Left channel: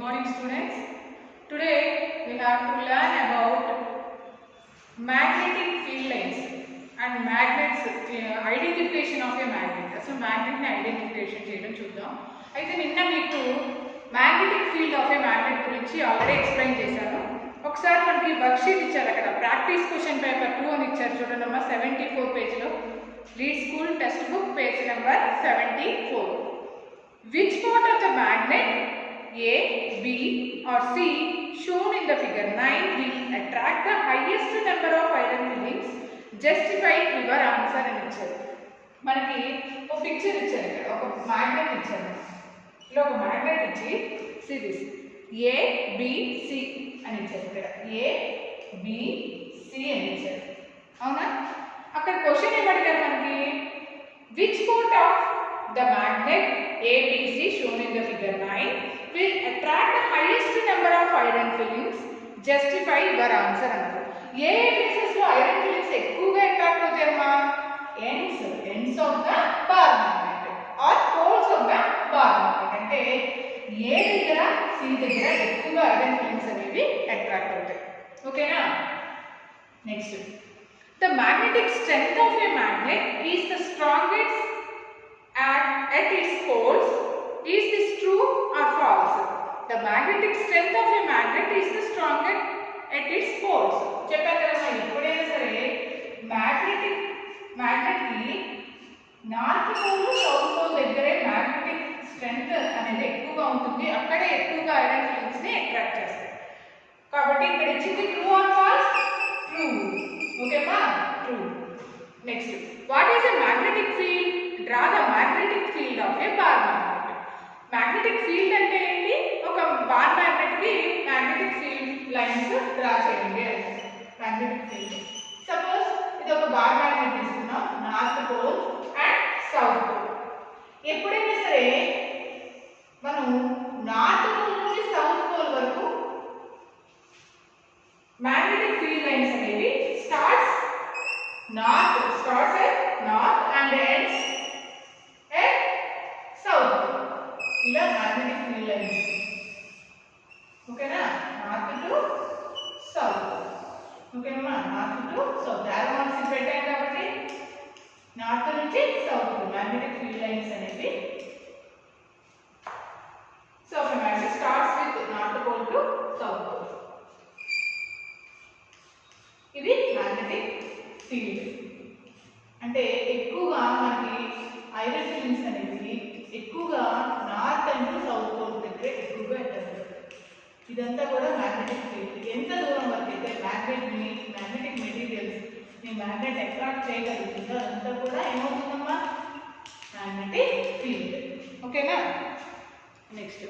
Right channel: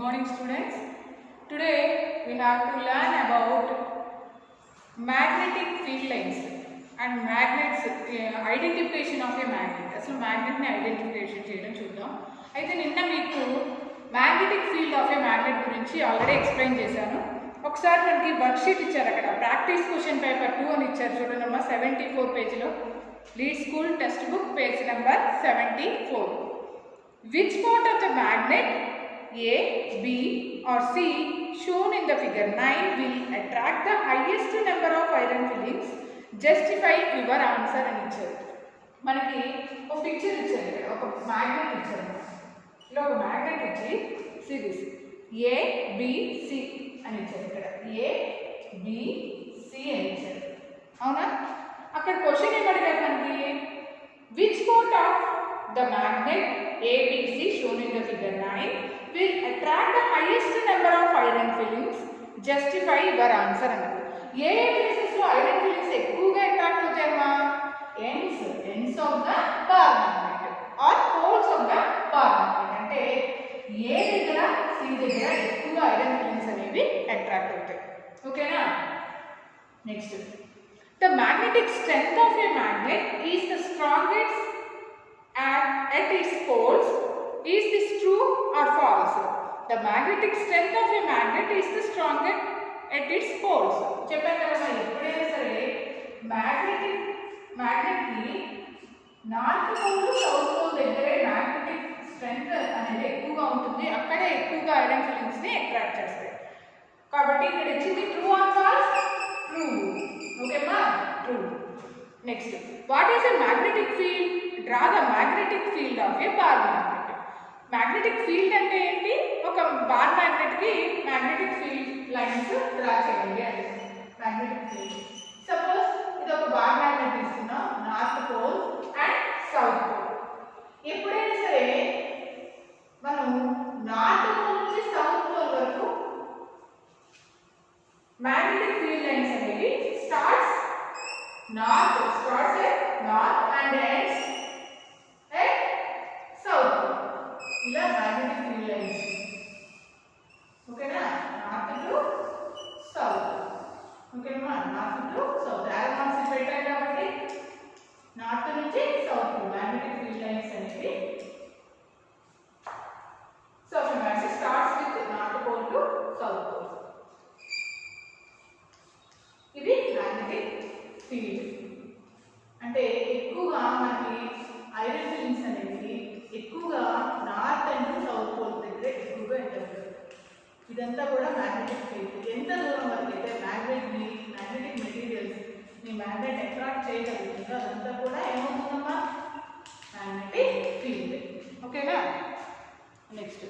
morning students. Today we have to learn about magnetic field lines and magnets, identification of a magnet. So magnet identification చేయడం చూద్దాం. అయితే నిన్న మీకు magnetic field of a magnet గురించి already explain చేశాను. ఒకసారి మనకి వర్క్ షీట్ ఇచ్చారు, అక్కడ ప్రాక్టీస్ క్వశ్చన్ పేపర్ 2 అని ఇచ్చారు చూడండి అమ్మా, 74 పేజ్లో. Read school text book page number 74. Which part of the magnet A, B or C shown in the figure 9 will attract the highest number of iron fillings? Justify your answer అని ఇచ్చారు. మనకి ఒక picture ఇచ్చారు, ఇక్కడ ఒక magnet ఇచ్చారు. ఇలా ఒక మ్యాగ్నెట్ ఇచ్చి సిరీస్ A, B, C అని ఇచ్చారు. ఇక్కడ A, B, C అని ఇచ్చారు. అవునా? అక్కడ క్వశ్చన్ ఏమడిగారు మనకి, which part of the magnet ABC shown in the figure 9 will attract the highest number of iron fillings? Justify your answer అన్నారు. ఏ ప్లేసెస్ లో ఐరన్ ఫిల్లింగ్స్ ఎక్కువగా attract అవుతాయమ్మా? ends of the bar magnet or poles of the bar magnet. అంటే ఏ దగ్గర C దగ్గర ఎక్కువగా iron fillings అనేవి attract అవుతాయి. ఓకేనా? Next, the magnetic strength of a magnet is the strongest at its poles. Is this true or false? The magnetic strength of a magnet is the strongest at its poles. చెప్పాను కదా, ఎప్పుడైనా సరే magnet కి north pole south pole దగ్గరే magnetic strength అనేది ఎక్కువగా ఉంటుంది, అక్కడే ఎక్కువగా ఐరన్ ఫిల్లింగ్స్ ని అట్రాక్ట్ చేస్తాయి. కాబట్టి ఇక్కడ ఇచ్చింది ట్రూ ఆర్ ఫాల్స్? ట్రూ. ఓకేమా? True. Next, what is a magnetic field? Draw the magnetic field of a bar magnet. Magnetic field అంటే ఏంటి? ఒక బార్ మ్యాగ్నెట్ కి మ్యాగ్నెటిక్ ఫీల్డ్ లైన్స్ డ్రా చేయండి అని. మ్యాగ్నెటిక్ ఫీల్డ్, సపోజ్ ఇది ఒక బార్ మ్యాగ్నెట్ ఇస్తున్నాం, north pole and south pole. ఎప్పుడైనా సరే మనం నార్త్ పోల్ నుంచి సౌత్ పోల్ వరకు మ్యాగ్నెటిక్ ఫీల్డ్ లైన్స్ అనేవి starts at north and ends at south. ఇలా మ్యాగ్నెటిక్ ఫీల్డ్ లైన్స్. ఓకేనా? North to south. ఓకేనమ్మా? North to south arrow marks పెట్టాం కాబట్టి నార్త్ నుంచి సౌత్ మ్యాగ్నెటిక్ ఫీల్డ్ లైన్స్ అనేవి. సో ఒక magnet starts with north pole to south pole. ఇది magnetic field. అంటే ఎక్కువగా మనకి ఐరన్ ఫిల్లింగ్స్ అనేవి ఎక్కువగా నార్త్ అండ్ సౌత్ పోల్ దగ్గర ఎక్కువగా ఉంటుంది. ఇదంతా కూడా మ్యాగ్నెటిక్ ఫీల్డ్. ఎంత దూరం వరకు అయితే మ్యాగ్నెటిక్ మెటీరియల్స్ ని మ్యాగ్నెట్ అట్రాక్ట్ చేయగలుగుతుందో అదంతా కూడా ఏమవుతుందమ్మా? Magnetic field. ఓకేనా? Next,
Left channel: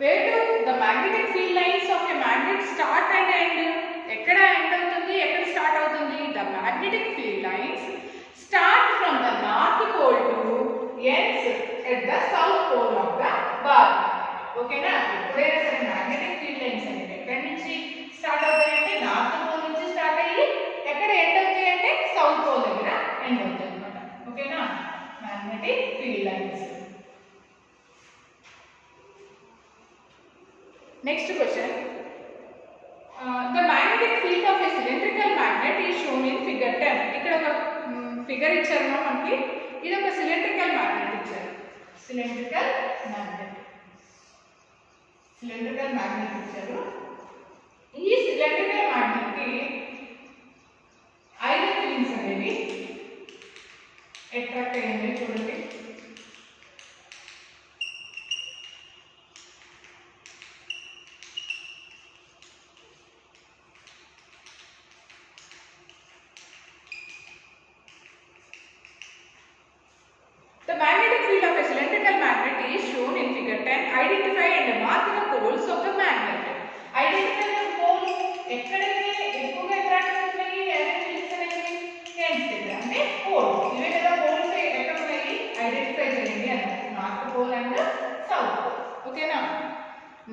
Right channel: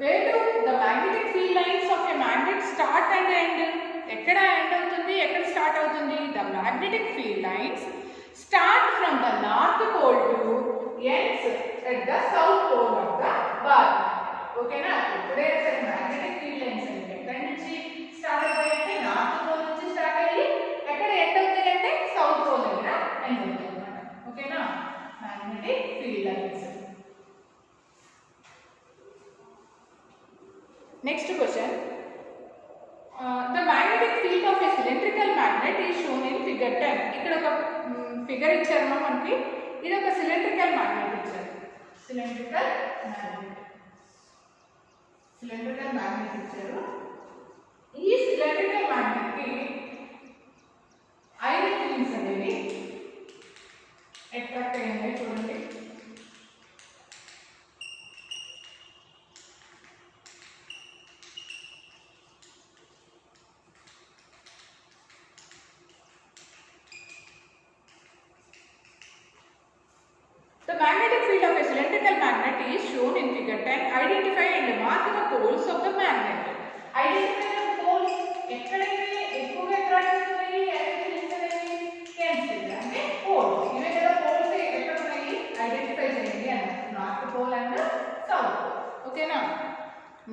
where do the magnetic field lines of a magnet start and end? ఎక్కడ ఎండ్ అవుతుంది, ఎక్కడ స్టార్ట్ అవుతుంది? The magnetic field lines start from the north pole to ends at the south pole of the bar. ఓకేనా? ఎప్పుడైనా సరే magnetic field lines అనేవి ఎక్కడి నుంచి స్టార్ట్ అవుతాయంటే నార్త్ పోల్ నుంచి స్టార్ట్ అయ్యి ఎక్కడ ఎండ్ అవుతాయి అంటే సౌత్ పోల్ దగ్గర ఎండ్ అవుతాయి అన్నమాట. ఓకేనా? Magnetic field lines. Next question. The magnetic field of a cylindrical magnet is shown in figure 10. ఇక్కడ ఒక ఫిగర్ ఇచ్చారు మనకి, ఇది ఒక సిలిండ్రికల్ మ్యాగ్నెట్ ఇచ్చారు. సిలిండ్రికల్ మ్యాగ్నెట్ ఇచ్చారు. ఈ సిలిండ్రికల్ మ్యాగ్నెట్ కి ఐరన్ ఫిల్లింగ్స్ అనేవి అట్రాక్ట్ అయ్యింది. చూడండి, the magnetic field of a cylindrical magnet is shown in figure 10. Identify and mark the poles of the magnet. Identify the poles. ఎక్కడైతే ఎక్కువగా attract అవుతున్నాయి ఐరన్ ఫిల్లింగ్స్ అనేవి? ends దగ్గర, అంటే పోల్స్. ఇవే కదా పోల్స్ ఎక్కడ ఉన్నాయి ఐడెంటిఫై చేయండి అన్నారు, north pole and south pole. ఓకేనా?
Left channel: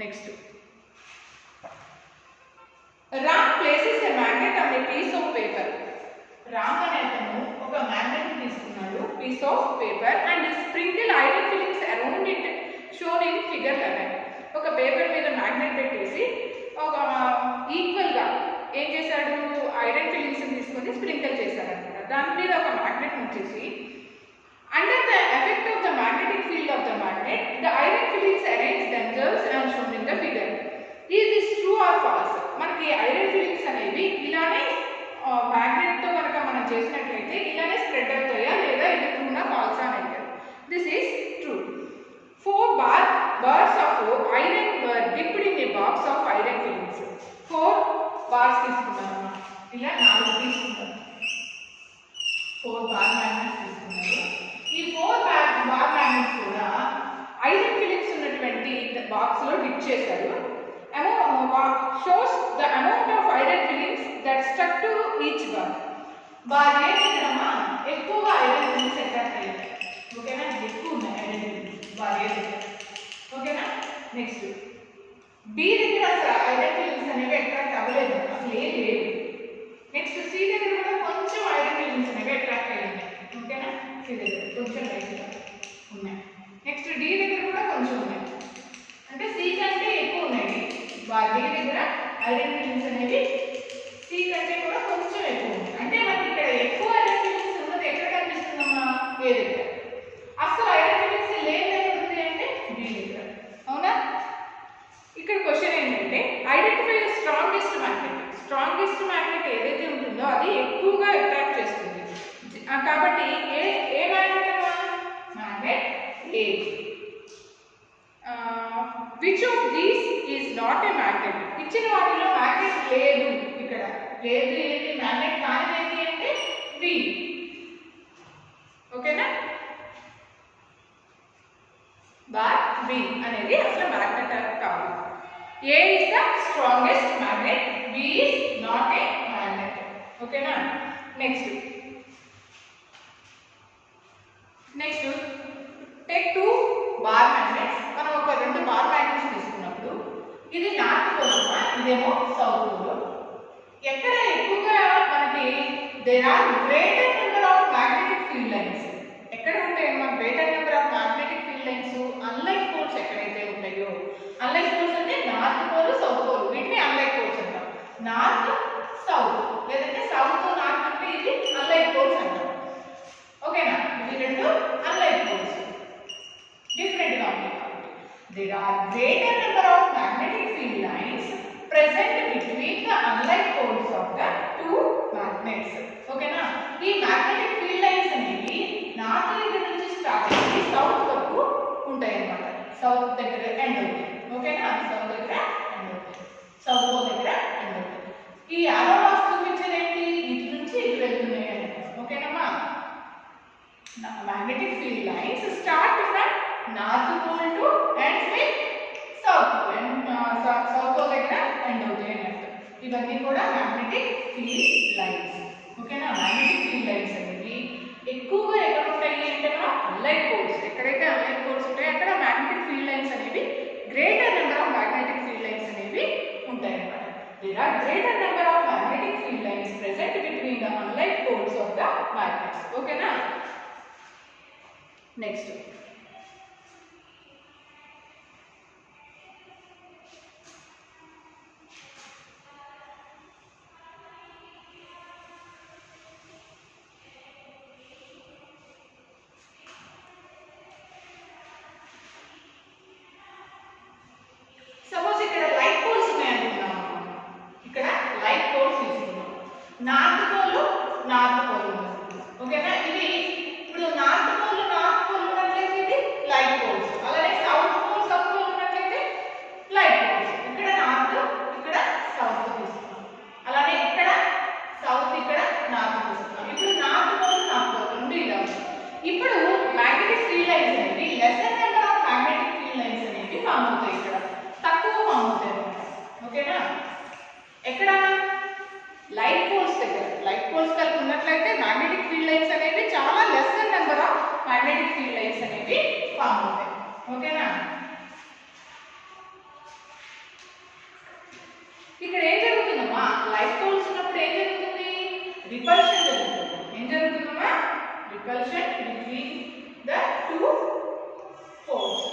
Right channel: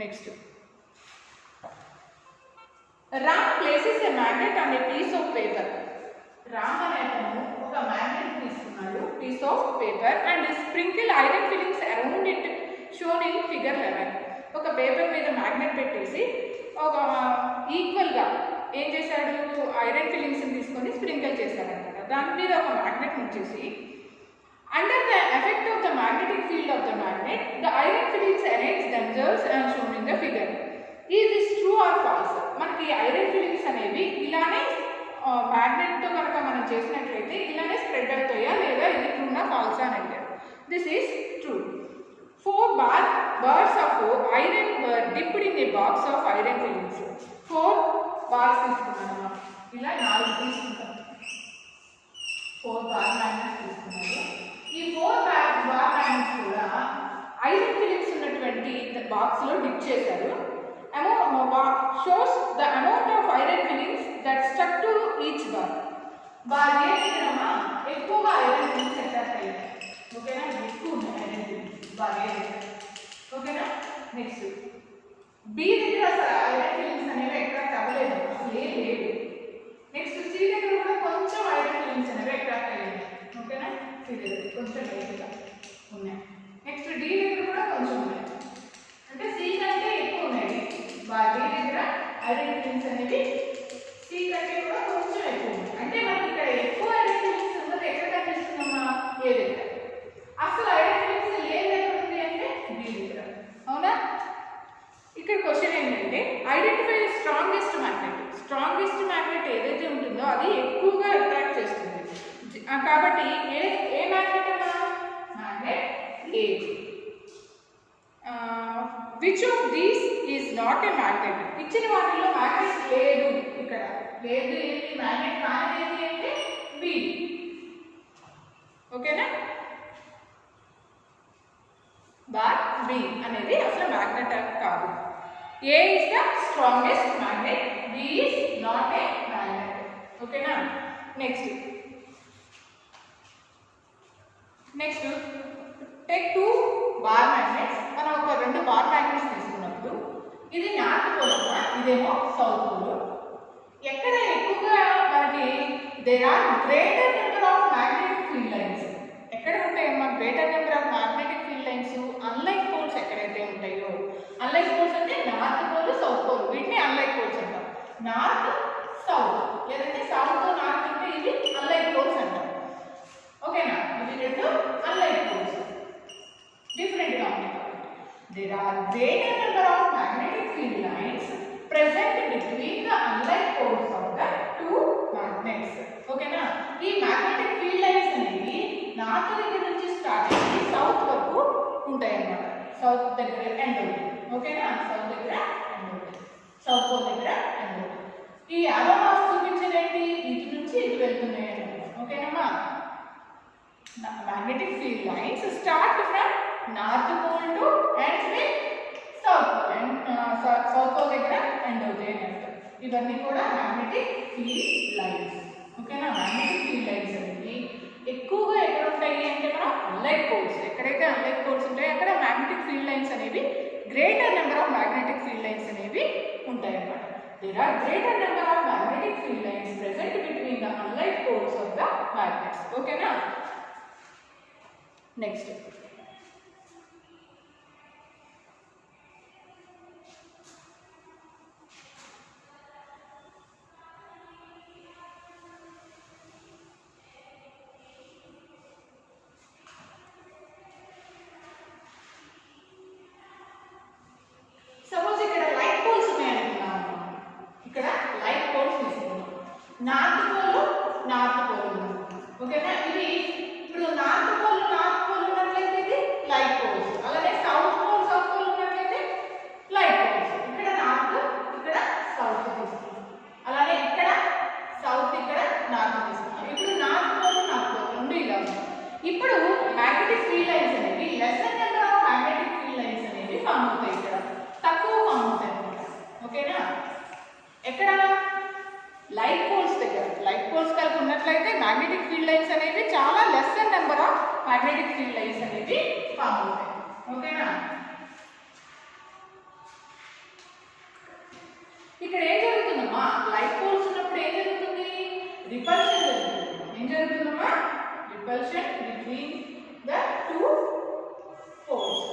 Next, Ram places a magnet on a piece of paper. Ram అనే అతను ఒక మ్యాగ్నెట్ తీసుకున్నాడు, piece of paper, and sprinkle iron fillings around it shown in figure 11. ఒక పేపర్ మీద మ్యాగ్నెట్ పెట్టేసి ఒక ఈక్వల్గా ఏం చేశాడు, ఐరన్ ఫిలింగ్స్ని తీసుకొని స్ప్రింకిల్ చేశాడనమాట. దాని మీద ఒక మ్యాగ్నెట్ ఉంచేసి under the effect of the magnetic field of the magnet, the iron fillings arrange themselves as shown in the figure. Is this true or false? మనకి ఐరన్ ఫిలింగ్స్ అనేవి ఇలానే మ్యాగ్నెట్తో కనుక మనం చేసినట్లయితే ఇలానే స్ప్రెడ్ అవుతాయా లేదా, ఇది ట్రూనా ఫాల్సా అని అంటారు. This is true. 4 bars of iron were dipped in a box of iron fillings. 4 bars తీసుకున్నాను, ఇలా 4 తీసుకున్నాను, 4 బార్ మ్యాగ్నెట్స్ తీసుకున్నారు. ఈ 4 బార్ మ్యాగ్నెట్స్ కూడా ఐరన్ ఫిలింగ్స్ ఉన్నటువంటి బాక్స్లో డిప్ చేశారు. Shows the amount of iron filings that stuck to each bar. Bar A దగ్గరమా ఎక్కువగా ఐరన్ ఫిలింగ్స్ అట్రాక్ట్ అయ్యాయి, ఓకేనా, ఎక్కువ ఉన్నాయి ఐరన్ ఫిలింగ్స్ బార్ ఏ దగ్గర, ఓకేనా. నెక్స్ట్ బి దగ్గర అసలు ఐరన్ ఫిలింగ్స్ అనేవి అట్రాక్ట్ అవ్వలేదు, అసలు ఏం లేవు. నెక్స్ట్ సి దగ్గర కూడా కొంచెం ఐరన్ ఫిలింగ్స్ అనేవి అట్రాక్ట్ అయ్యాయి, ఓకేనా, సి దగ్గర కొంచెం లైట్గా ఉన్నాయి. నెక్స్ట్ డి దగ్గర కూడా కొంచెం ఉన్నాయి, అంటే సి కంటే ఎక్కువ ఉన్నాయి. డి దగ్గర ఐరన్ ఫిలింగ్స్ అనేవి సి కంటే కూడా కొంచెం ఎక్కువ ఉన్నాయి. అంటే మనకి ఇక్కడ ఎక్కువ ఐరన్ ఫిలింగ్స్ ఉన్నది ఎక్కడ కనిపిస్తుందమ్మా, ఏ దగ్గర. అసలు ఐరన్ ఫిలింగ్స్ లేదు ఎక్కడుంది అంటే బి దగ్గర, అవునా. ఇక్కడ క్వశ్చన్ ఏంటంటే identify the strongest magnet. Strongest magnet ఏదైతే ఉంటుందో అది ఎక్కువగా అట్రాక్ట్ చేస్తుంది. కాబట్టి ఏ మ్యాగ్నెట్ అమ్మా, magnet A. Which of these is not a magnet. ఇచ్చిన వాటిలో మ్యాగ్నెట్ లేదు, ఇక్కడ లేదు, ఏంటి మ్యాగ్నెట్ కానిది అంటే బి, ఓకేనా. బార్ బి అనేది అసలు మ్యాగ్నెట్ కాదు. A is the strongest magnet, B is not a magnet, ఓకేనా. Next take 2 bar magnets. మనం ఒక 2 బార్ మ్యాగ్నెట్స్ తీసుకున్నప్పుడు ఇది నార్త్ పోల్ అమ్మా, ఇదేమో సౌత్ పోల్. ఎక్కడ ఎక్కువగా మనకి there are greater number of magnetic field lines. ఎక్కడ ఉంటాయమ్మా greater number of magnetic field lines, unlike poles ఎక్కడైతే ఉంటాయో. అన్లైక్ పోల్స్ అంటే నార్త్ పోల్, సౌత్ పోల్, వీటిని అన్లైక్ పోల్స్ అంటాం. నార్త్ సౌత్ లేదంటే సౌత్ నార్త్ అంటే ఇది అన్లైక్ పోల్స్ అంటాం, ఓకేనా. ఇవి 2 అన్లైక్ పోల్స్, డిఫరెంట్గా ఉంటాయి. There are greater number of magnetic field lines present between the unlike poles of the 2 magnets. ఓకేనా. ఈ మ్యాగ్నెటిక్ ఫీల్డ్ లైన్స్ అనేవి నార్త్ దగ్గర నుంచి స్టార్ట్ అయ్యి సౌత్ వరకు ఉంటాయి అన్నమాట. సౌత్ దగ్గర ఎండ్ అవుతుంది, ఓకేనా. సౌత్ దగ్గర ఎండ్ అవుతుంది, సౌత్ పోల్ దగ్గర ఎండ్ అవుతుంది. ఈ యారోస్ చూపించేది ఏంటి, ఇటు నుంచి ఇటు వెళ్తున్నాయి అని, ఓకేనమ్మా. magnetic field lines start from north pole to ends with south pole, and south pole దగ్గర end అవుతాయి అని అర్థం. ఇవన్నీ కూడా magnetic field lines, ఓకేనా. magnetic field lines అనేవి ఎక్కువగా ఎక్కడ ఉంటాయి అంటే అన్లైక్ పోల్స్. ఎక్కడైతే అన్లైక్ పోల్స్ ఉంటాయో అక్కడ magnetic field lines అనేవి greater number of magnetic field lines అనేవి ఉంటాయి అన్నమాట. There are greater number of magnetic field lines present between the unlike poles of the magnets, ఓకేనా. నెక్స్ట్ సపోజ్ ఇక్కడ light poles ఉన్నాయనుకున్నాము. ఇక్కడ light poles తీసుకున్నాం. North pole ఓకేనా. ఇవి ఇప్పుడు నార్త్ పోల్ ఉన్నట్లయితే ఇది లైట్ పోల్స్, అలాగే సౌత్ పోల్ ఉన్నట్లయితే లైట్ పోల్స్. ఇక్కడ నార్త్, ఇక్కడ సౌత్ తీసుకున్నాం. అలానే ఇక్కడ సౌత్, ఇక్కడ నార్త్ తీసుకున్నాం. ఇప్పుడు నార్త్ పోల్ రెండు ఇలా ఉన్నాయి. ఇప్పుడు మ్యాగ్నెటిక్ ఫీల్డ్ లైన్స్ అనేవి lesser number of magnetic field lines అనేవి ఫామ్ అవుతాయి. ఇక్కడ తక్కువ ఫామ్ అవుతాయి అన్నమాట, ఓకేనా. ఎక్కడ లైట్ పోల్స్ దగ్గర, లైట్ పోల్స్ కలిపి ఉన్నట్లయితే మ్యాగ్నెటిక్ ఫీల్డ్ లైన్స్ అనేవి చాలా lesser number of magnetic field lines అనేవి ఫామ్ అవుతాయి, ఓకేనా. ఇక్కడ ఏం జరుగుతుందమ్మా, లైట్ పోల్స్ ఉన్నప్పుడు ఏం జరుగుతుంది, రిపల్షన్ జరుగుతుంది. ఏం జరుగుతుందమ్మా, repulsion between the 2 poles,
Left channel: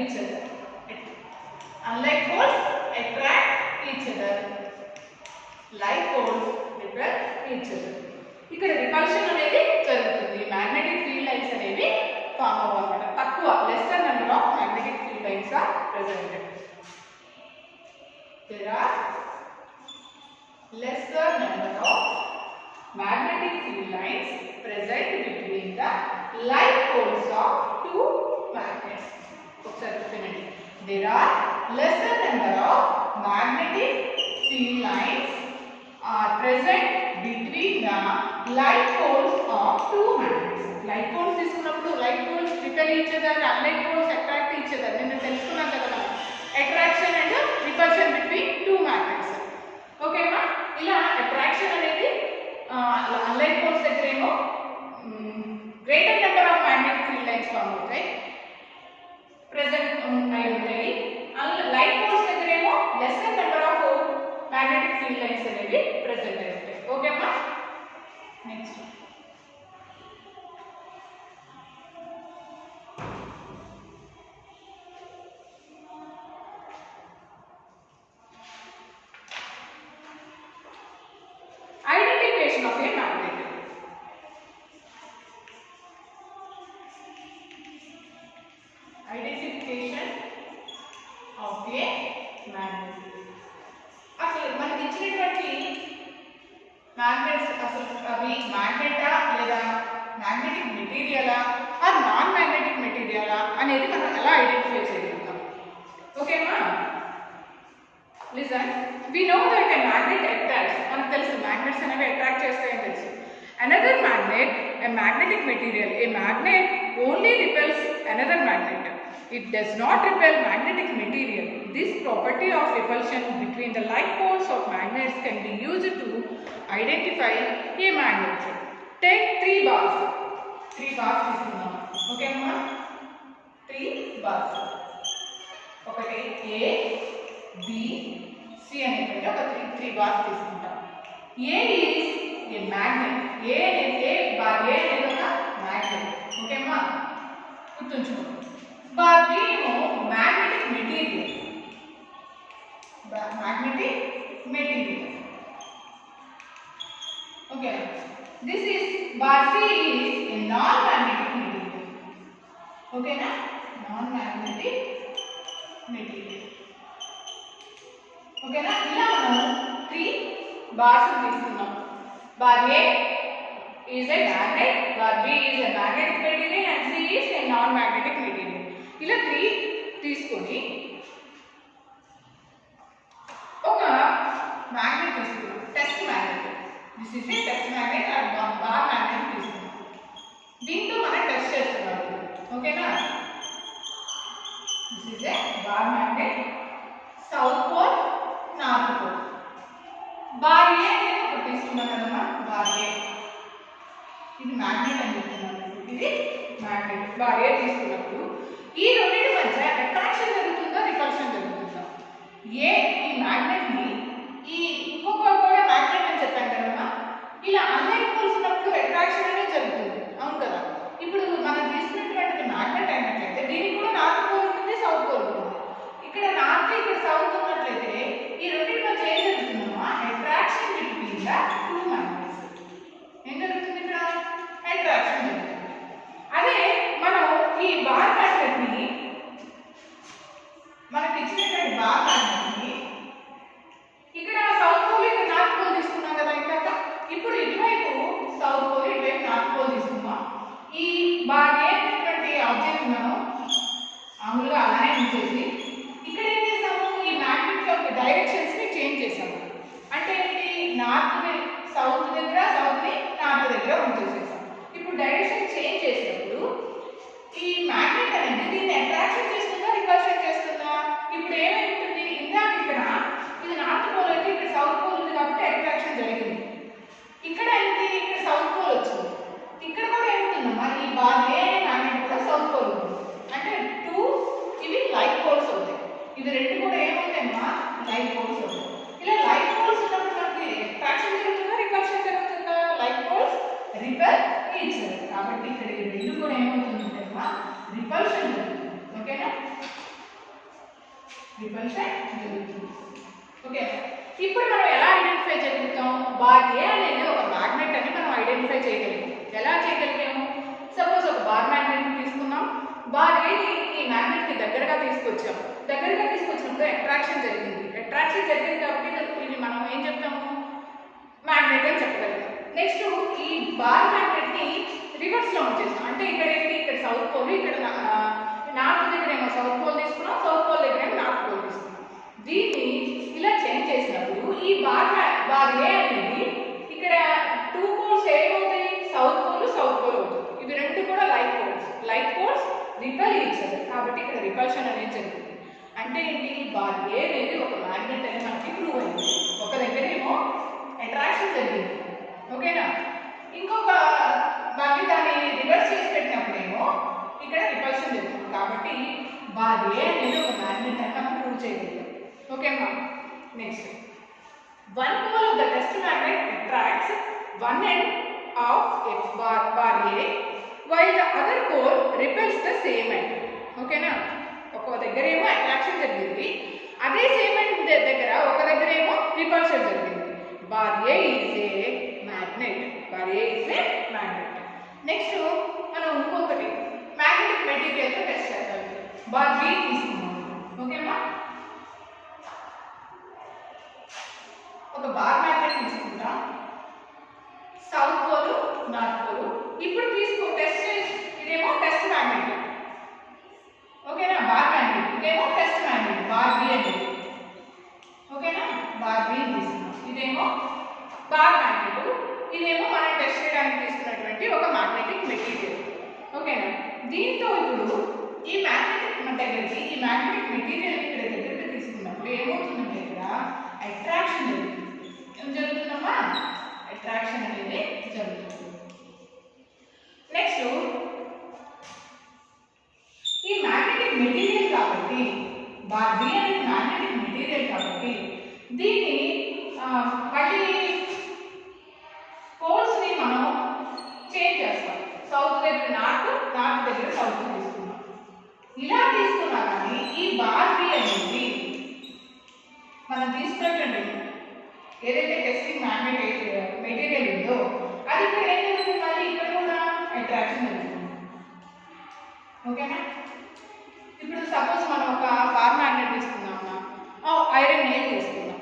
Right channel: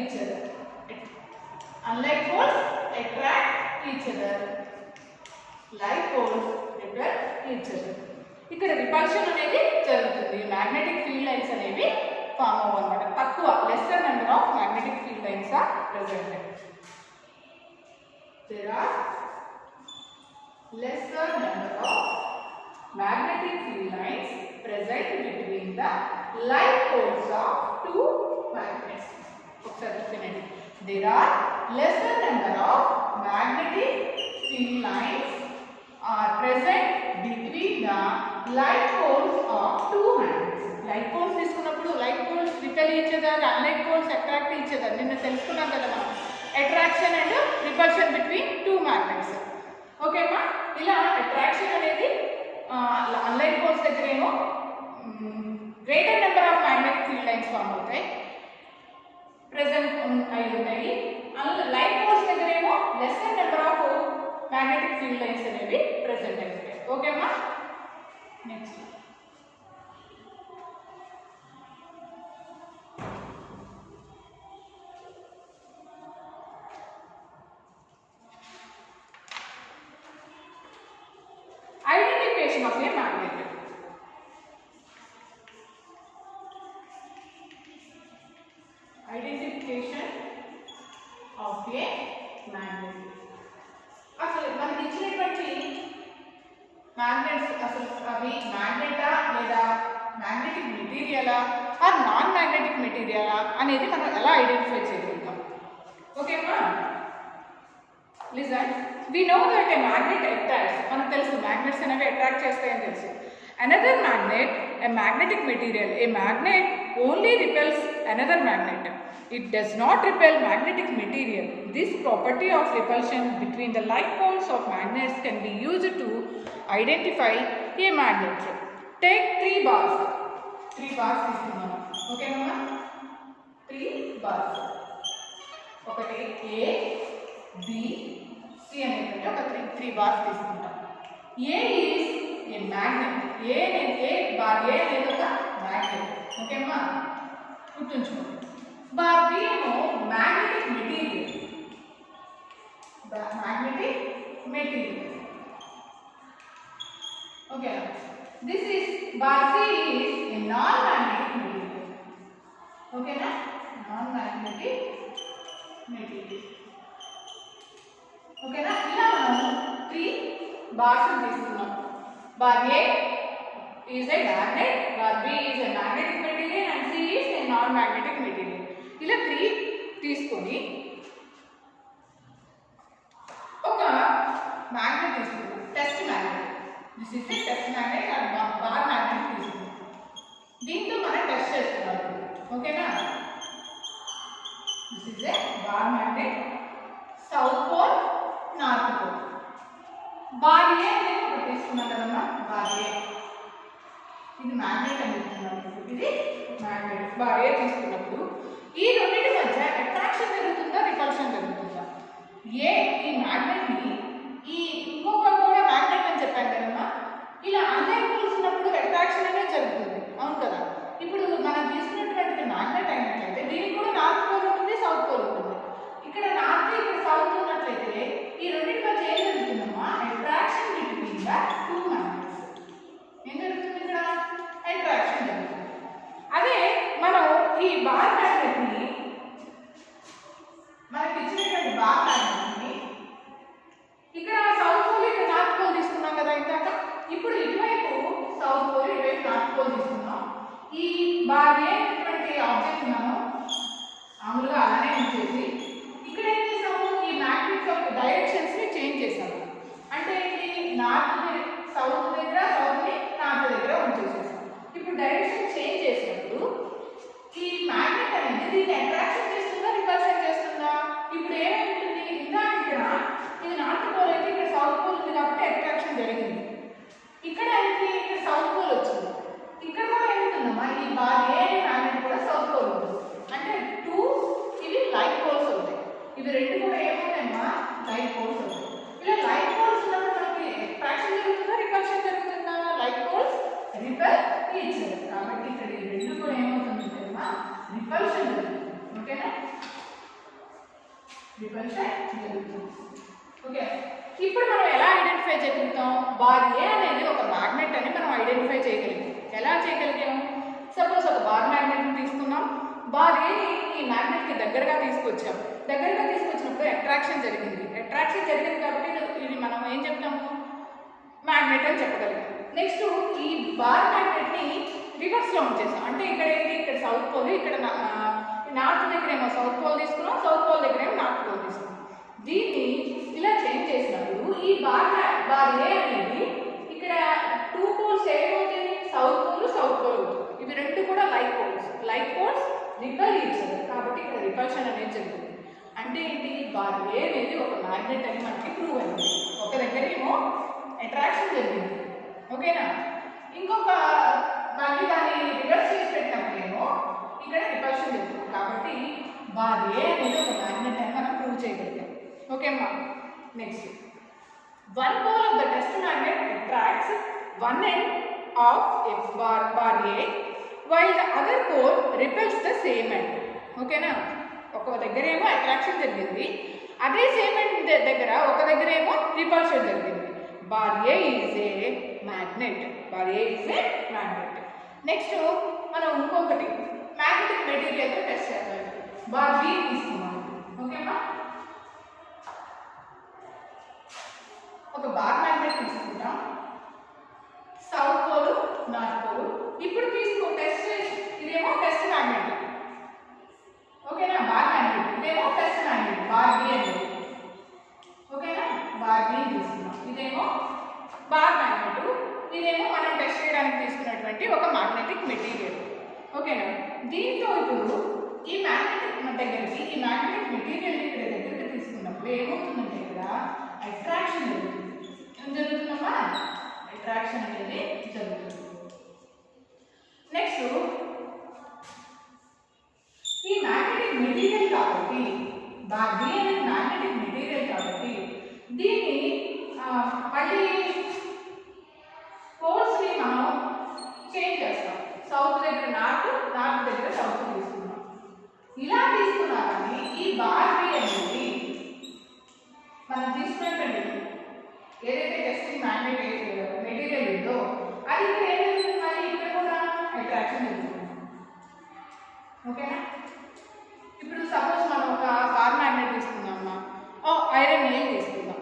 each other. Unlike poles attract each other. Like poles repel each other. ఇక్కడ రిపల్షన్ అనేది జరుగుతుంది. మ్యాగ్నెటిక్ ఫీల్డ్ లైన్స్ అనేవి ఫామ్ అవ్వన్నమాట. తక్కువ lesser number of magnetic field lines are presented. There are lesser number of magnetic field lines present between the like poles of two magnets. There are lesser number of magnetic field lines are present between the like poles of two magnets. Like poles తీసుకున్నప్పుడు like poles repel each other, unlike poles attract each other. నేను తెలుసుకున్నాం కదా మనం attraction and repulsion between two magnets. Okay అమ్మా, ఇలా attraction అనేది unlike poles దగ్గర ఏమో greater number of magnetic field lines form అవుతాయి, ప్రెసెంట్ అయి ఉంటాయి. లైక్ పోల్స్ దగ్గర ఏమో lesser number of magnetic field lines అనేవి ప్రెసెంట్ అయి ఉంటాయి. ఓకే అమ్మా, next identification of a magnet. Identification of a magnet. అసలు మనకి ఇచ్చినటువంటి మ్యాగ్నెట్స్ అసలు అవి మ్యాగ్నెటా లేదా మ్యాగ్నెటిక్ మెటీరియలా ఆర్ నాన్ మ్యాగ్నెటిక్ మెటీరియలా అనేది మనం ఎలా ఐడెంటిఫై చేయగలుగుతాం? ఓకేనా, listen. We know that a magnet attracts. మనకు తెలుసు magnets అనేవి అట్రాక్ట్ చేస్తాయని తెలుసు. Another magnet, a magnetic material, a magnet only repels another magnet. It does not repel magnetic material. This property of repulsion between the like poles of magnets can be used to identify a magnet. Take 3 bars. 3 bars తీసుకుందాం. ఓకేనా, 3 bars. ఒకటి A, B, C అనేటువంటి ఒక 3 bars తీసుకుంటాం. A is a magnet. A bar A అనేది ఒక మ్యాగ్నెట్. ఓకేమ్మా, గుర్తుంచుకోండి. బార్ బి ఏమో మ్యాగ్నెటిక్ మెటీరియల్. Magnetic material. ఓకేనా, this is bar C is a non magnetic material. ఓకేనా, నాన్ మ్యాగ్నెటిక్ మెటీరియల్. ఓకేనా, ఇలా మనం 3 బార్స్ తీసుకున్నాం. Bar A is a magnet, bar B is a magnetic material and C is a non magnetic material. ఇలా 3 తీసుకొని ఒక magnet తీసుకున్నాం, test magnet. This is A test magnet or bar magnet తీసుకున్నాం. దీంతో మనం టెస్ట్ చేస్తున్నాం. ఓకేనా, this is a bar magnet, south pole, north pole. Bar A అనేది ఒకటి తీసుకున్నాం కదమ్మా, బార్ ఏ ఇది మ్యాగ్నెట్ అని చెప్తున్నాం. ఇది మ్యాగ్నెట్. బార్ ఏ తీసుకున్నప్పుడు ఈ రెండింటి మధ్య అట్రాక్షన్ జరుగుతుందా రిపల్షన్ జరుగుతుందా? ఏ ఈ మ్యాగ్నెట్ని ఈ ఇంకొకటి కూడా మ్యాగ్నెట్ అని చెప్పాను కదమ్మా, ఇలా అన్లైక్ పోల్స్ ఉన్నప్పుడు అట్రాక్షన్ అనేది జరుగుతుంది. అవును కదా, ఇప్పుడు మనం తీసుకున్నటువంటి మ్యాగ్నెట్ అయినట్లయితే దీనికి కూడా నార్త్ పోల్ ఉంటుంది, సౌత్ పోల్ ఉంటుంది. ఇక్కడ నార్త్ ఇక్కడ సౌత్ ఉన్నట్లయితే ఈ రెండింటి మధ్య ఏం జరుగుతుందమ్మా? Attraction between the 2 magnets. ఏం జరుగుతుంది? ఇక్కడ అట్రాక్షన్ జరుగుతుంది. అదే మనం ఈ బార్ మ్యాగ్నెట్ని మనకి ఇచ్చినటువంటి బార్ మ్యాగ్నెట్ని ఇక్కడ సౌత్ పోల్ ఇక్కడ నార్త్ పోల్ తీసుకున్నాం కదా ఇందాక. ఇప్పుడు ఇటువైపు సౌత్ పోల్, ఇటువైపు నార్త్ పోల్ తీసుకున్నాం. ఈ బార్ ఏ అనేటువంటి ఆబ్జెక్ట్ మనం మామూలుగా అలానే ఉంచేసి ఇక్కడ ఏం చేసాము? ఈ మ్యాగ్నెట్ యొక్క డైరెక్షన్స్ ని చేంజ్ చేసాము. అంటే ఏంటి? నార్త్ సౌత్ దగ్గర, సౌత్ ని నార్త్ దగ్గర ఉంచేసేసాం. ఇప్పుడు డైరెక్షన్ చేంజ్ చేసినప్పుడు ఈ మ్యాగ్నెట్ అనేది దీన్ని అట్రాక్షన్ చేస్తుందా, రిపల్షన్ చేస్తుందా? ఇప్పుడు ఏమైంటుంది? ఇందాక ఇక్కడ ఇది నార్త్ పోల్ అయితే ఇక్కడ సౌత్ పోల్ ఉంది కాబట్టి అట్రాక్షన్ జరిగింది. ఇక్కడ అయితే ఇక్కడ సౌత్ పోల్ వచ్చింది. ఇక్కడ కూడా ఏముంటుందమ్మా? ఈ బార్ ఏ అనే మ్యాగ్నెట్ కూడా సౌత్ పోల్ ఉంటుంది. అంటే 2 ఇవి లైక్ పోల్స్ అవుతాయి. ఇవి రెండు కూడా ఏమవుతాయమ్మా? లైక్ పోల్స్ అవుతాయి. ఇలా లైక్ పోల్స్ ఉన్నప్పుడు మనకి అట్రాక్షన్ జరుగుతుందా, రిపల్షన్ జరుగుతుందా? Like poles repel each other. కాబట్టి ఇక్కడ ఈ రెండు కూడా ఏమవుతుందంటే అమ్మా రిపల్షన్ జరుగుతుంది. ఓకేనా? రిపల్షన్ జరుగుతుంది. ఓకే, ఇప్పుడు మనం ఎలా ఐడెంటిఫై చేయగలుగుతాం? బార్ ఏ అనేది ఒక మ్యాగ్నెట్ అని మనం ఐడెంటిఫై చేయగలిగాం. ఎలా చేయగలిగాము? సపోజ్ ఒక బార్ మ్యాగ్నెట్ తీసుకున్నాం. బార్ ఏని ఈ మ్యాగ్నెట్ కి దగ్గరగా తీసుకొచ్చాం. దగ్గరగా తీసుకొచ్చినప్పుడు అట్రాక్షన్ జరిగింది. అట్రాక్షన్ జరిగింది కాబట్టి ఇది మనం ఏం చెప్తాము? మ్యాగ్నెట్ అని చెప్పగలిగాం. నెక్స్ట్ ఈ బార్ మ్యాగ్నెట్ ని రివర్స్ లో ఉంచేసాం. అంటే ఇక్కడ ఏంటి? ఇక్కడ సౌత్ పోల్, ఇక్కడ నార్త్ దగ్గర ఏమో సౌత్ పోల్ తీసుకున్నాం, సౌత్ పోల్ దగ్గర ఏమో నార్త్ పోల్ తీసుకున్నాం. దీన్ని ఇలా చేంజ్ చేసినప్పుడు ఈ బార్ ఏ అనేది ఇక్కడ 2 పోల్స్ ఏమవుతాయి? సౌత్ పోల్ అవుతుంది. ఇవి రెండు కూడా like poles repel each other. కాబట్టి ఇక్కడ రిపల్షన్ అనేది జరుగుతుంది. అంటే ఏంటి? బార్ ఏ అనేది ఒక మ్యాగ్నెట్ అని మనకి ప్రూవ్ అయింది. ఒక దగ్గర ఏమో అట్రాక్షన్ జరిగింది. ఓకేనా? ఇంకొక మళ్ళీ దాన్ని రివర్స్ చేసి పెట్టినప్పుడేమో ఇక్కడ రిపల్షన్ జరుగుతుంది. కాబట్టి బార్ ఏ అనేది ఒక మ్యాగ్నెట్ అని మనం ప్రూవ్ చేయగలిగాం. ఓకేమా? Next, one pole of the test magnet attracts one end of its bar A while the other pole repels the same end. ఓకేనా? ఒక దగ్గర ఏమో అట్రాక్షన్ జరిగింది, అదే సేమ్ ఎండ్ దగ్గర ఒక దగ్గర ఏమో రిపల్షన్ జరిగింది. Bar A is a magnet. Next మనం ఇంకొకటి మ్యాగ్నెటిక్ మెటీరియల్తో టెస్ట్ చేద్దాం. బార్ బి తీసుకున్నాం. ఓకేమా? ఒక బార్ మ్యాగ్నెట్ తీసుకుంటాం. South pole, north pole. ఇప్పుడు టెస్ట్ ఇదేమో టెస్ట్ మ్యాగ్నెట్. ఓకేనా? Bar magnet. ఇదేమో టెస్ట్ మ్యాగ్నెట్ బార్ బి అనేది. ఓకేనా? బార్ బి తీసుకున్నాం. ఇదేమో బార్ మ్యాగ్నెట్, ఇదేమో మనం టెస్ట్ చేయడానికి తీసుకున్నటువంటి ఒక మ్యాగ్నెటిక్ మెటీరియల్. ఓకేనా? దీంతో ఇప్పుడు ఈ మ్యాగ్నెటిక్ మెటీరియల్ ఇక్కడ దగ్గరికి తీసుకున్నప్పుడు ఏమవుతుందంటే ఇక్కడ అట్రాక్షన్ జరుగుతుంది. ఏం జరుగుతుందమ్మా? అట్రాక్షన్ అనేది జరుగుతుంది. నెక్స్ట్, ఈ మ్యాగ్నెటిక్ మెటీరియల్ కాబట్టి బార్ బి అనేది మ్యాగ్నెటిక్ మెటీరియల్ కాబట్టి దీన్ని మళ్ళీ పోల్స్ ని మనం చేంజ్ చేస్తాం. సౌత్ దగ్గర నార్త్ దగ్గర సౌత్ తీసుకున్నాం. ఇలా తీసుకున్నా కానీ ఈ బార్ బి అనేది మనం తీసుకున్నటువంటి ఏదైతే టెస్టింగ్ మ్యాగ్నెట్ మెటీరియల్ ఉందో అది ఇక్కడ ఏం జరుగుతుంది? మళ్ళీ ఇక్కడ కూడా అట్రాక్షన్ జరుగుతుంది. ఓకేనా? ఇప్పుడు సపోజ్ మనం ఒక బార్ మ్యాగ్నెట్ తీసుకున్నామా, ఐరన్ నెయిల్ తీసుకుందాం.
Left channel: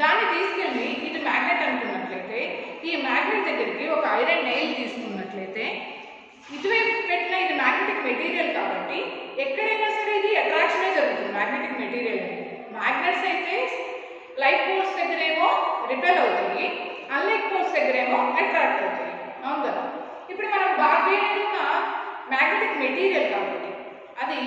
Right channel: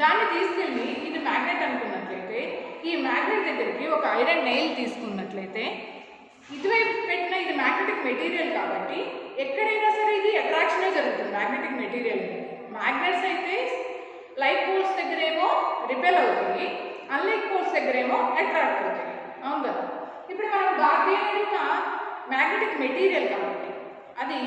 దాన్ని తీసుకెళ్ళి ఇది మ్యాగ్నెట్ అనుకున్నట్లయితే ఈ మ్యాగ్నెట్ దగ్గరికి ఒక ఐరన్ నెయిల్ తీసుకున్నట్లయితే ఇటువైపు పెట్టిన ఇది మ్యాగ్నెటిక్ మెటీరియల్ కాబట్టి ఎక్కడైనా సరే ఇది అట్రాక్షనే జరుగుతుంది. మ్యాగ్నెటిక్ మెటీరియల్ అనేది మ్యాగ్నెట్స్ అయితే లైక్ పోల్స్ దగ్గర ఏమో రిపెల్ అవుతాయి, అన్లైక్ పోల్స్ దగ్గర ఏమో అట్రాక్ట్ అవుతాయి. అవును కదా? ఇప్పుడు మనం బార్ బి అనేది ఒక మ్యాగ్నెటిక్ మెటీరియల్ కాబట్టి అది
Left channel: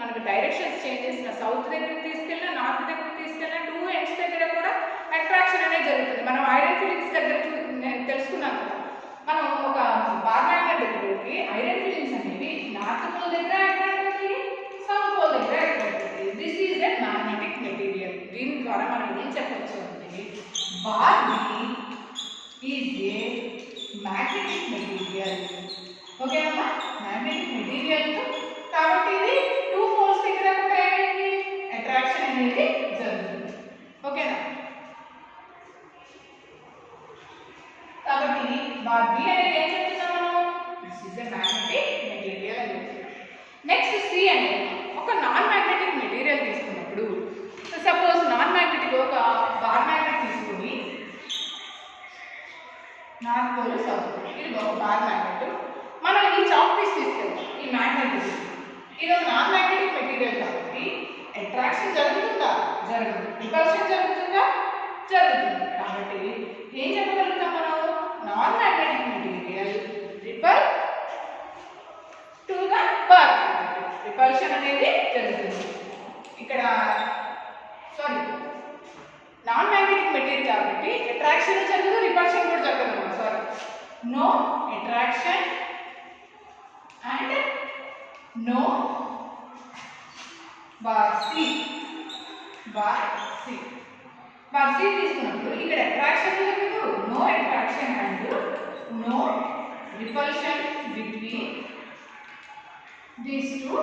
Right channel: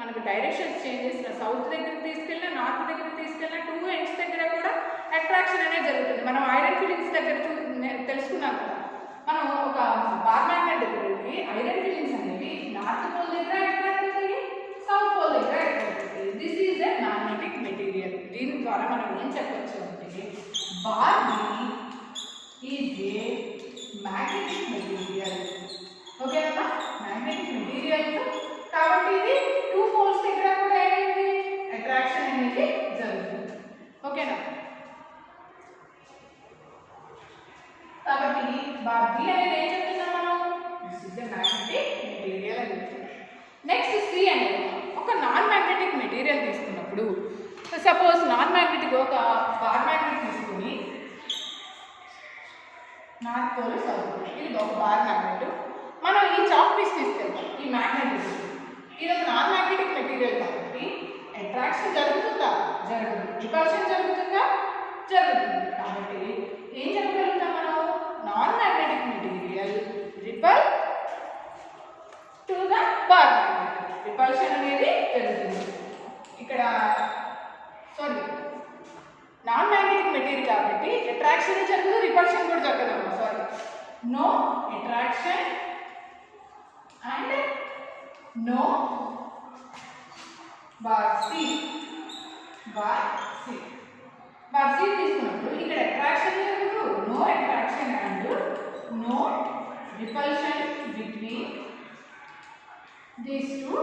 మనకు డైరెక్షన్స్ చేంజ్ చేసిన సౌత్ దగ్గరికి తీసుకెళ్ళినా నార్త్ దగ్గరికి తీసుకెళ్ళినా 2 ఎండ్స్ దగ్గర కూడా అట్రాక్షన్ అనేది జరుగుతుంది. మనం ఐరన్ ఫిలింగ్స్ దగ్గర తెలుసుకున్నాం కదా. మనం ఒక బార్ మ్యాగ్నెట్ దగ్గరికి ఐరన్ ఫిలింగ్స్ అనేవి నార్త్ పోల్ దగ్గర అట్రాక్ట్ అవుతాయి, సౌత్ పోల్ దగ్గర అట్రాక్ట్ అవుతాయి. This is a magnetic material. దీని ద్వారా మనం ఏం చెప్పొచ్చు అంటే bar B is a magnetic material. ఓకేనమ్మా? మ్యాగ్నెటిక్ మెటీరియల్ కాబట్టి ఇది 2 పోల్స్ దగ్గర కూడా ఏమైంది? అట్రాక్షన్ అనేది జరుగుతుంది. ఓకేనా? కాబట్టి బార్ బి అనేది ఏం చెప్తున్నాం మనం? This is a magnetic material అని చెప్తున్నాం. నెక్స్ట్ సి అనేది ఒక నాన్ మ్యాగ్నెటిక్ మెటీరియల్ తీసుకున్నప్పుడు సపోజ్ నాన్ మ్యాగ్నెటిక్ ఒక బార్ మ్యాగ్నెట్ తీసుకుని నార్త్ పోల్ సౌత్ పోల్ ఇది ఒక బార్ మ్యాగ్నెట్. మనం ఈ చాక్ పీస్ తీసుకెళ్తాం. ఈ మ్యాగ్నెట్ ఇది ఒక నాన్ మ్యాగ్నెటిక్ మెటీరియల్ కాబట్టి అట్రాక్షన్ జరుగుతుందా? జరగదు. రిపల్షన్ జరుగుతుందా? జరుగుతుంది. కాబట్టి ఏం చెప్పగలుగుతాం మనం? Non magnetic material repel to the bar magnet. Repulsion అనేది జరుగుతుంది. ఇక్కడ నాన్ మ్యాగ్నెటిక్ మెటీరియల్ కాబట్టి అట్రాక్షన్ జరగదు, రిపల్షన్ కూడా జరగదు. No attraction and no bar C. Bar C తీసుకున్నప్పుడు ఇక్కడ అట్రాక్షన్ జరగదు, no attraction and no repulsion between these 2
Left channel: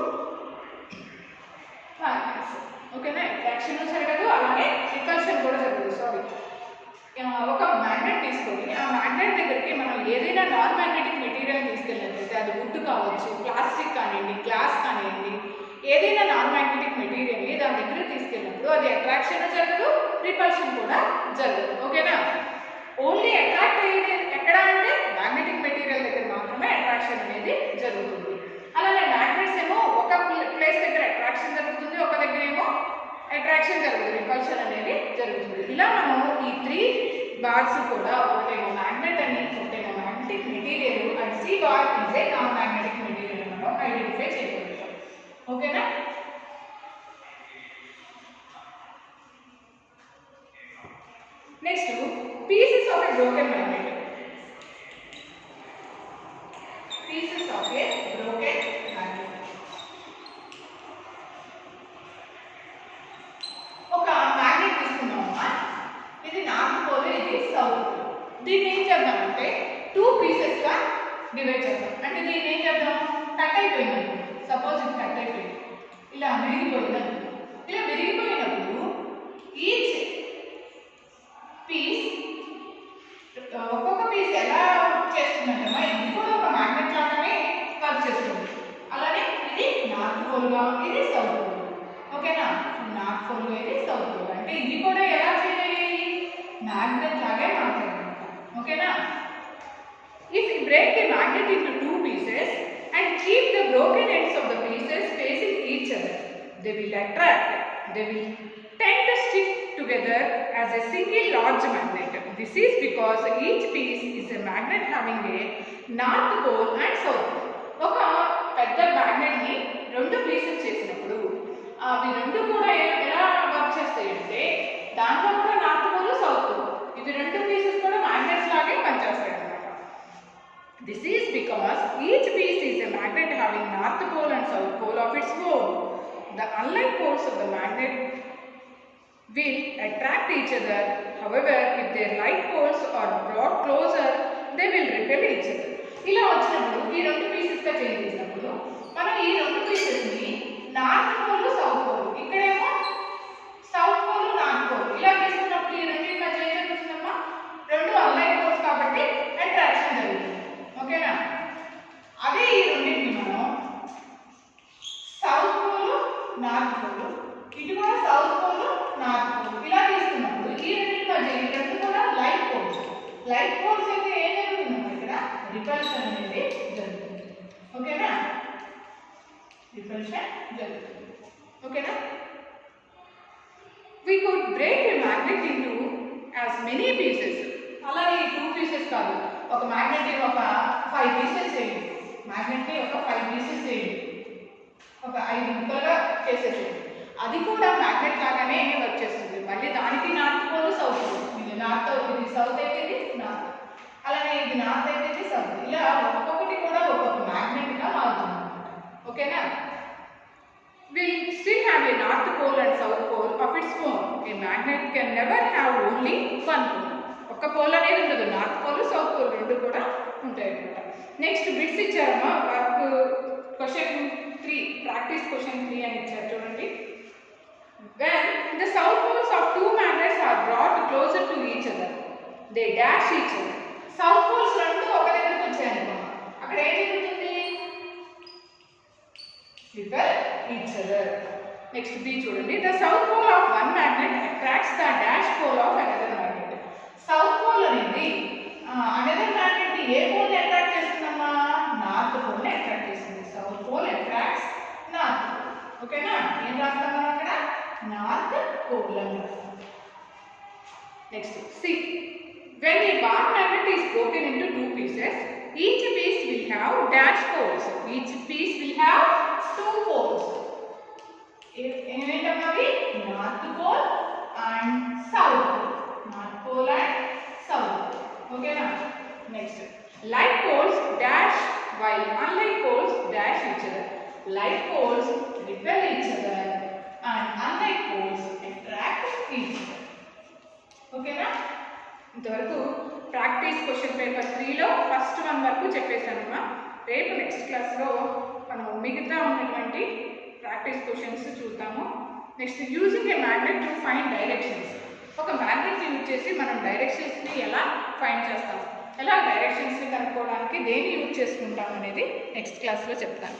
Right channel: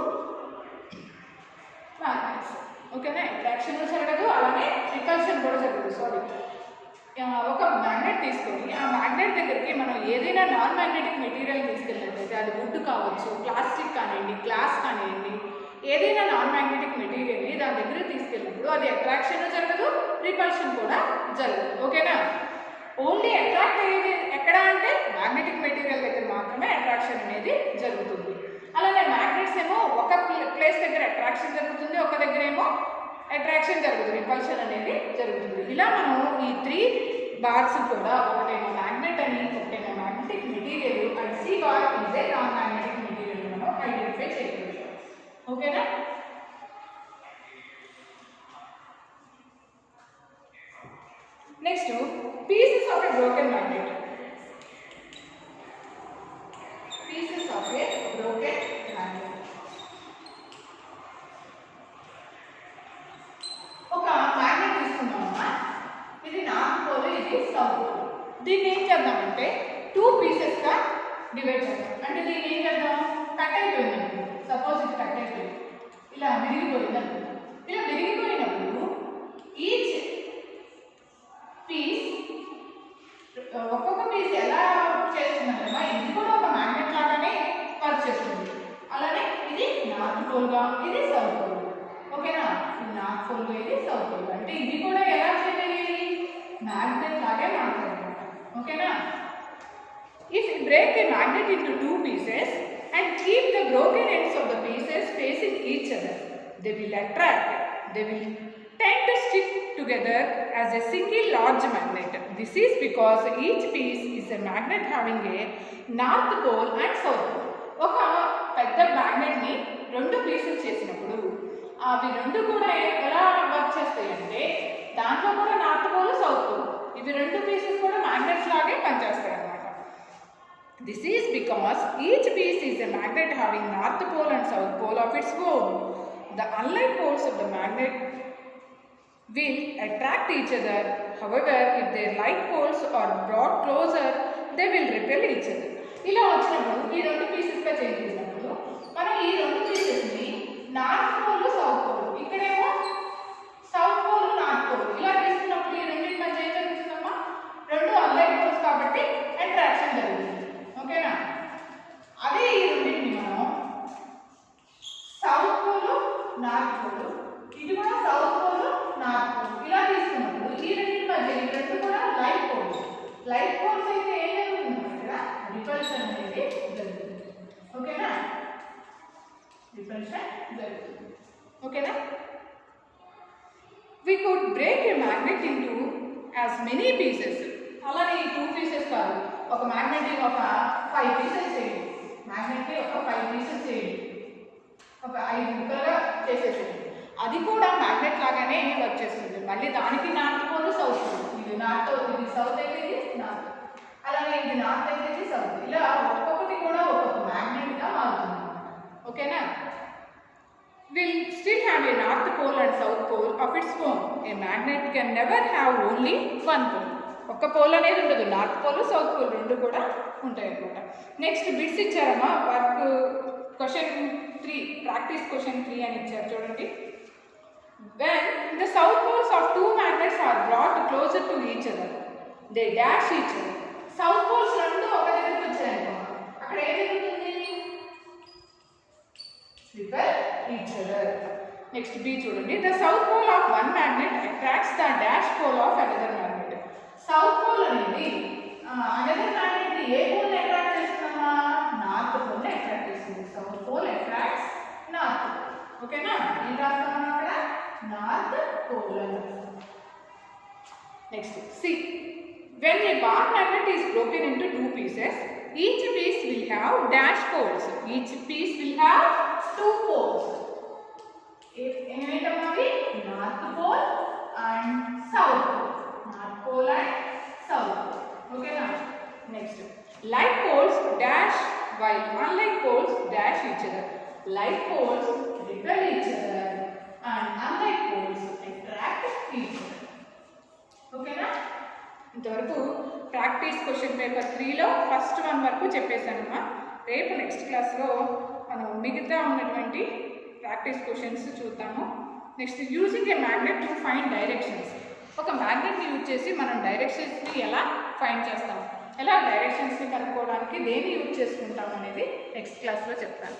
magnets. ఓకేనా. అట్రాక్షన్ జరగదు, అలానే రిపల్షన్ కూడా జరగదు. సారీ, ఒక మ్యాగ్నెట్ తీసుకొని ఆ మ్యాగ్నెట్ దగ్గరికి మనం ఏదైనా నాన్ మ్యాగ్నెటిక్ మెటీరియల్ తీసుకెళ్ళినట్లయితే అది వుడ్ కావచ్చు, ప్లాస్టిక్ కానివ్వండి, గ్లాస్ కానివ్వండి, ఏదైనా నాన్ మ్యాగ్నెటిక్ మెటీరియల్ని దాని దగ్గర తీసుకెళ్ళినప్పుడు అది అట్రాక్షన్ జరగదు, రిపల్షన్ కూడా జరగదు. ఓకేనా. ఓన్లీ అట్రాక్ట్ అయ్యేది ఎక్కడ అంటే మ్యాగ్నెటిక్ మెటీరియల్ దగ్గర మాత్రమే అట్రాక్షన్ అనేది జరుగుతుంది. అలానే మ్యాగ్నెట్స్ ఏమో ఒక ప్లేస్ దగ్గర అట్రాక్షన్ జరుగుతుంది, ఒక దగ్గర ఏమో అట్రాక్షన్ జరుగుతుంది, రిపల్షన్ అనేది జరుగుతుంది. ఇలా మనం ఈ 3 బార్స్ కూడా ఒకటేమో మ్యాగ్నెట్ అని, ఒకటేమో magnetic material, and C bar is a non magnetic material మనం ఐడెంటిఫై చేయగలుగుతాం. ఓకేనా. Next, pieces of a broken magnet. Pieces of a broken magnet. ఒక మ్యాగ్నెట్ తీసుకున్నామమ్మా, ఇది నార్త్ పోల్, ఇది సౌత్ పోల్. దీన్ని ఏం చేద్దామంటే 2 పీసెస్గా డివైడ్ చేద్దాం. అంటే దీన్ని ఏం చేద్దాం, కట్ అయిపోయింది. సపోజ్ ఇది కట్ అయిపోయింది, ఇలా విరిగిపోయింది. ఇలా విరిగిపోయినప్పుడు ఈచ్ పీస్, ఒక్కొక్క పీస్ ఎలా వర్క్ చేస్తుందంటే ఇది కూడా ఒక మ్యాగ్నెట్ లాగానే వర్క్ చేస్తుంది. అలానే ఇది నార్త్ పోల్గా, ఇది సౌత్ పోల్. ఓకేనా. నార్త్ పోల్గా, ఇది సౌత్ పోల్. అంటే ఇవి కూడా ఎలా చేయాలి, మ్యాగ్నెట్ లాగే మాట్లాడమాట. ఓకేనా. If you break the magnet into 2 pieces and keep the broken ends of the pieces facing each other, they will attract, they will tend to stick together as a single large magnet. This is because each piece is a magnet having a north pole and south pole. ఒక పెద్ద magnet ని 2 pieces చేసినప్పుడు అవి 2 కూడా ఎలా work చేస్తాయి అంటే దాంట్లో కూడా నార్త్ పోల్, సౌత్ పోల్, ఇవి 2 పీసెస్ కూడా మ్యాగ్నెట్స్ లాగే పనిచేస్తాయి అన్నమాట. This is because each piece is a magnet having north pole and south pole of its own. The unlike poles of the magnet will attract each other. However, if their like poles are brought closer, they will repel each other. ఇలా వచ్చినప్పుడు ఈ 2 పీసెస్గా change చేసినప్పుడు మనం ఈ 2 పీసెస్ని north pole, south pole, ఇక్కడేమో south pole, north pole, ఇలా తీసుకున్నప్పుడు ఈ 2 మధ్య ఏం జరుగుతుందమ్మా, 2 అన్లైక్ పోల్స్ కాబట్టి అట్రాక్షన్ జరుగుతుంది. ఓకేనా. అదే ఈ 2ని మనం సౌత్ పోల్, నార్త్ పోల్, ఇది కూడా సౌత్ పోల్, నార్త్ పోల్, ఇలా తీసుకున్నప్పుడు ఈ 2 మధ్య ఈ 2 కూడా లైట్ పోల్స్. లైట్ పోల్స్ అయితే ఏం జరుగుతుందమ్మా, ఇక్కడ రిపల్షన్ అనేది జరుగుతుంది. ఓకేనా. రిపల్షన్ జరుగుతుంది. ఓకేనా. We could break a magnet into as many pieces. అలానే ఈ 2 పీసెస్ కాదు, ఒక మ్యాగ్నెట్ని ఒక 5 పీసెస్ చేయండి. మ్యాగ్నెట్ని ఒక 5 పీసెస్ చేయండి, ఒక 5 ముక్కలుగా చేసేసేయండి. అది కూడా మ్యాగ్నెట్ లాగానే వర్క్ చేస్తుంది. మళ్ళీ దానికి నార్త్ పోల్, సౌత్ పోల్, ఇది నార్త్, ఇది సౌత్ అయితే ఇది నార్త్, అలానే ఇది నార్త్ అయితే ఇది సౌత్. ఇలా ఒక్కొక్కటి కూడా ఒక్కొక్క మ్యాగ్నెట్గా మారుతుంది అన్నమాట. ఓకేనా. Will still have a north pole and south pole of its own. A magnet can never have only one pole. ఒక పోల్ అనేది ఉండదు, నార్త్ పోల్, సౌత్ పోల్ 2 కూడా ఉంటాయి అన్నమాట. నెక్స్ట్ బిట్స్ ఇచ్చారమ్మా, వర్క్ క్వశ్చన్ 3, ప్రాక్టీస్ క్వశ్చన్ 3 అని ఇచ్చారు చూడండి. When the south poles of 2 magnets are brought closer to each other, they dash each other. South poles 2 ఒక దగ్గరికి వచ్చాయనుకోండి, అక్కడ ఏం జరుగుతుంది, repel each other. Next B చూడండి. The south pole of one magnet attracts the dash pole of another magnet. South pole అనేది another magnet ని ఏ pole ని attract చేస్తుందమ్మా, north pole ని అట్రాక్ట్ చేస్తుంది. South pole attracts north. ఓకేనా. ఏం రాస్తాం మనం అక్కడ, నార్త్ పోల్ అని రాస్తాం. Next C. When a bar magnet is broken into 2 pieces, each piece will have dash poles. Each piece will have 2 poles. ఏంటమ్మా, north pole and south pole, north pole and south pole. ఓకేనా. Next like poles dash while unlike poles dash each other. Like poles repel each other and unlike poles attract each other. ఓకేనా. ఇంతవరకు practice question paper 3లో first 1 వరకు చెప్పేశానమ్మా. రేపు next క్లాస్లో మనం మిగతా ఉన్నటువంటి ప్రాక్టీస్ క్వశ్చన్స్ చూద్దాము. Next using a magnet to find directions. ఒక మ్యాగ్నెట్ని యూజ్ చేసి మనం డైరెక్షన్స్ని ఎలా ఫైండ్ చేస్తాం, ఎలా డైరెక్షన్స్ని కనుక్కోవడానికి దేన్ని యూజ్ చేసుకుంటాం అనేది నెక్స్ట్ క్లాస్లో చెప్తాను.